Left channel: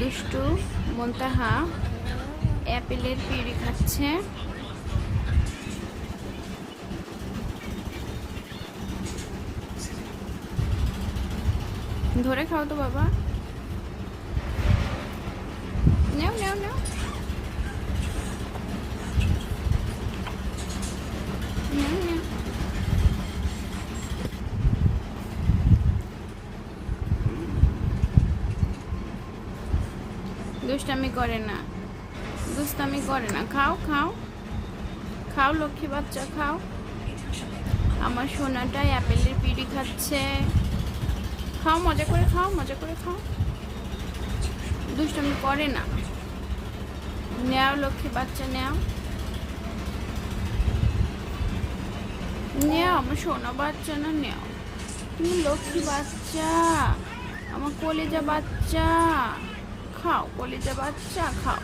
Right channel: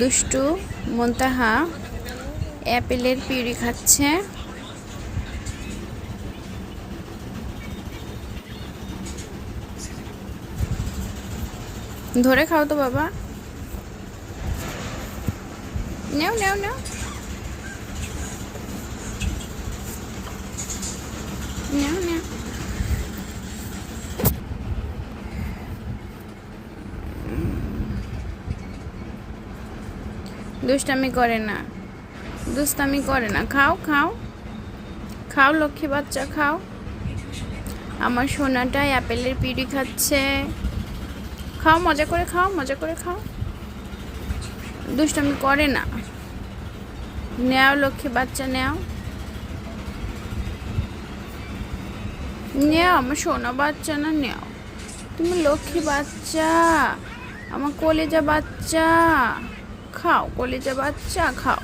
দুষ্টু মুনতাহা অ্যাপেলের পিউরি খাচ্ছে। ধরে খাও তো বাবা, নেও নেও নেও নেও নেও। দুষ্টামি করে না, দুষ্টামি করে না। খাও খাও খাও লক্ষ্মী বাচ্চা খাও। আমার সোনাটা অ্যাপেলের পিউরি খাচ্ছে। খাও, মজা করে খাও, মজা করে খাও। দুষ্টামি করে না। নেও লক্ষ্মী বাচ্চা, নেও নেও, আমার সোনা বাচ্চা না, নেও। তুমি লক্ষ্মী বাচ্চা, আমার কলেজা বাচ্চা। খাও কলেজা বাচ্চা, খাও।